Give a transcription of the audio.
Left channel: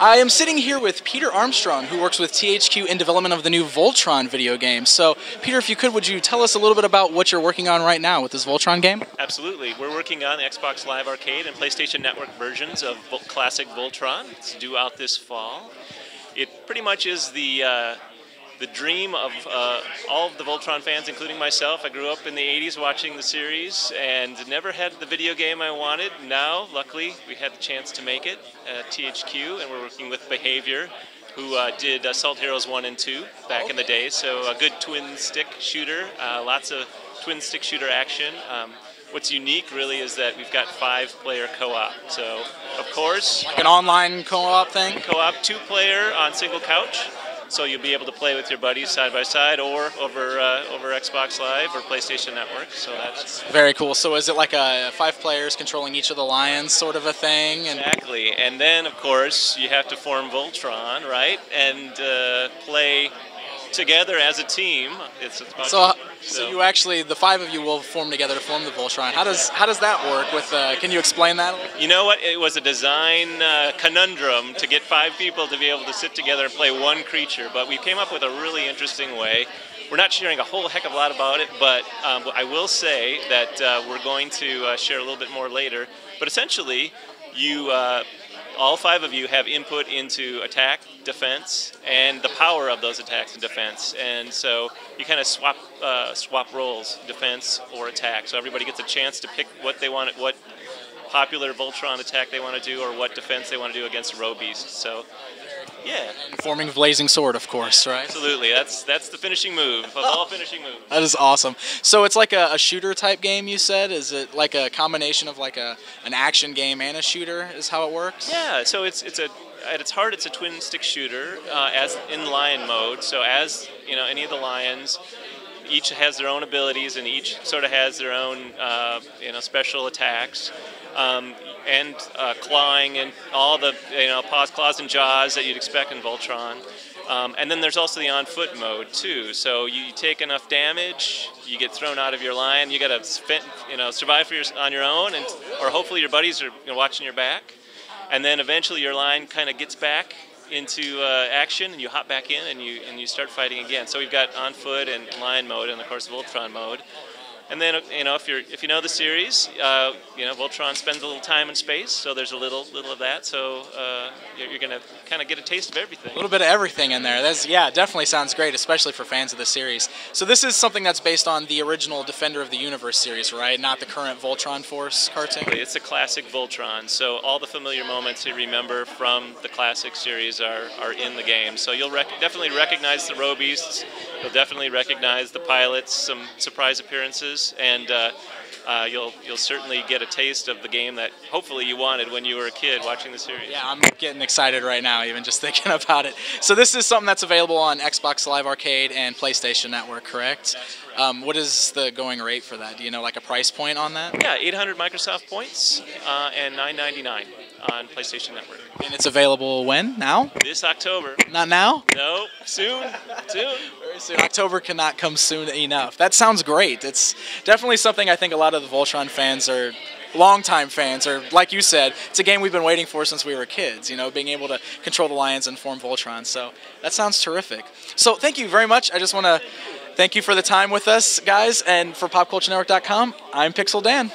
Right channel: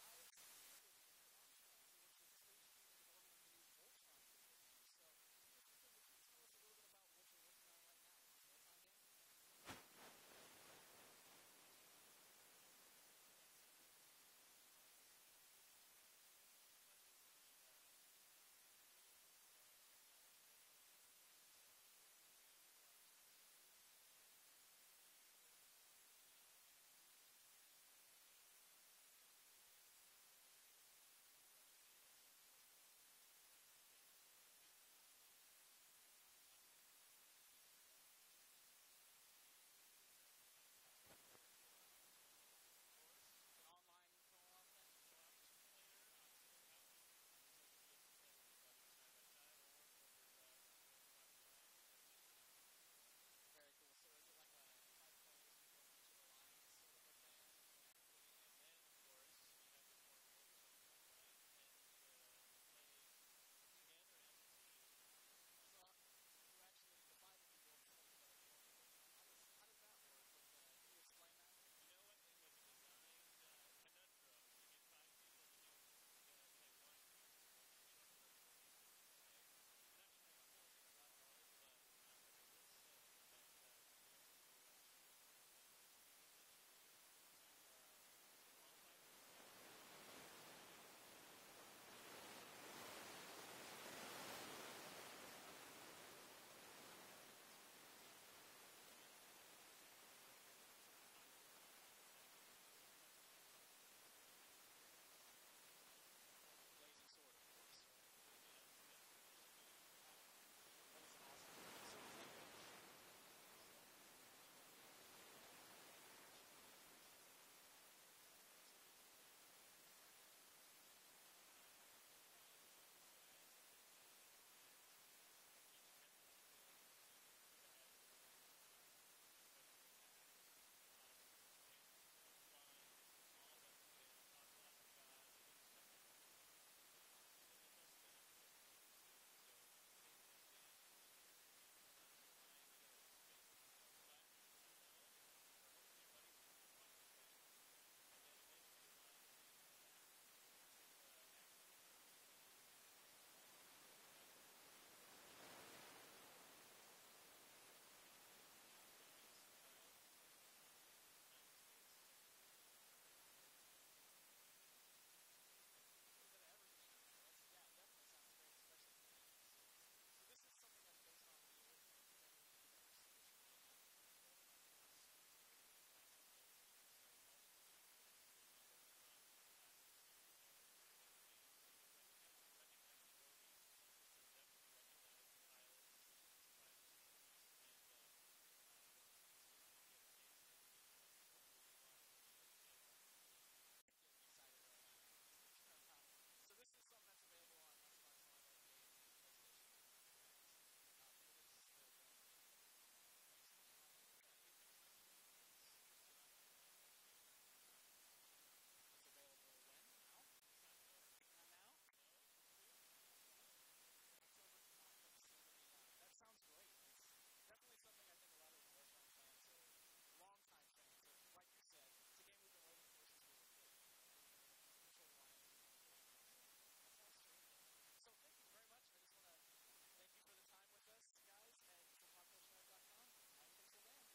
I am sitting here with Peter Armstrong, who works with THQ in development of the new Voltron video game. So, Peter, if you could, would you tell us a little bit about what you're working on right now with this Voltron game? Absolutely. We're working on Xbox Live Arcade and PlayStation Network versions of classic Voltron. It's due out this fall. It pretty much is the dream of all of the Voltron fans, including myself. I grew up in the 80s watching the series and never had the video game I wanted. Now, luckily, we had the chance to make it at THQ, and we're working with Behavior, who did Assault Heroes 1 and 2 back in the day. So a good twin-stick shooter, lots of twin-stick shooter action. What's unique, really, is that we've got 5-player co-op. So, of course... Like an online co-op thing? Co-op, 2-player on single couch. So you'll be able to play with your buddies side by side or over Xbox Live or PlayStation Network. So that's very cool. So is it like 5 players controlling each of the lions sort of a thing? Exactly. And then, of course, you have to form Voltron, right? And play together as a team. So you actually, the 5 of you will form together to form the Voltron. How does that work? With can you explain that? You know what? It was a design conundrum to get 5 people to be able to sit together and play one creature, but we came up with a really interesting way. We're not sharing a whole heck of a lot about it, but I will say that we're going to share a little bit more later. But essentially, you all 5 of you have input into attack, defense, and the power of those attacks and defense. And so you kind of swap roles, defense or attack. So everybody gets a chance to pick what they want, what popular Voltron attack they want to do, or what defense they want to do against row beasts. So, yeah. And forming Blazing Sword, of course, right? Absolutely. That's the finishing move of all finishing moves. That is awesome. So it's like a shooter type game, you said? Is it like a combination of like an action game and a shooter is how it works? Yeah, so at its heart, it's a twin stick shooter as in lion mode. So as you know, any of the lions, each has their own abilities and each sort of has their own special attacks. And clawing and all the paws, claws, and jaws that you'd expect in Voltron. And then there's also the on-foot mode too. So you take enough damage, you get thrown out of your line. You got to survive on your own, or hopefully your buddies are watching your back. And then eventually your line kind of gets back into action, and you hop back in, and you start fighting again. So we've got on-foot and lion mode, and of course Voltron mode. And then, if you know the series, Voltron spends a little time in space, so there's a little of that. So you're going to kind of get a taste of everything. A little bit of everything in there. Yeah, definitely sounds great, especially for fans of the series. So this is something that's based on the original Defender of the Universe series, right? Not the current Voltron Force cartoon? It's a classic Voltron, so all the familiar moments you remember from the classic series are in the game. So you'll definitely recognize the row beasts. You'll definitely recognize the pilots, some surprise appearances. And you'll certainly get a taste of the game that hopefully you wanted when you were a kid watching the series. Yeah, I'm getting excited right now, even just thinking about it. So this is something that's available on Xbox Live Arcade and PlayStation Network, correct? What is the going rate for that? Do you know like a price point on that? Yeah, 800 Microsoft points and $9.99 on PlayStation Network. And it's available when? Now? This October. Not now? No, soon. Soon. Very soon. October cannot come soon enough. That sounds great. It's definitely something I think a lot of the Voltron fans are longtime fans, or like you said, it's a game we've been waiting for since we were kids, being able to control the lions and form Voltron. So that sounds terrific. So thank you very much. I just want to thank you for the time with us, guys, and for PopCultureNetwork.com, I'm Pixel Dan.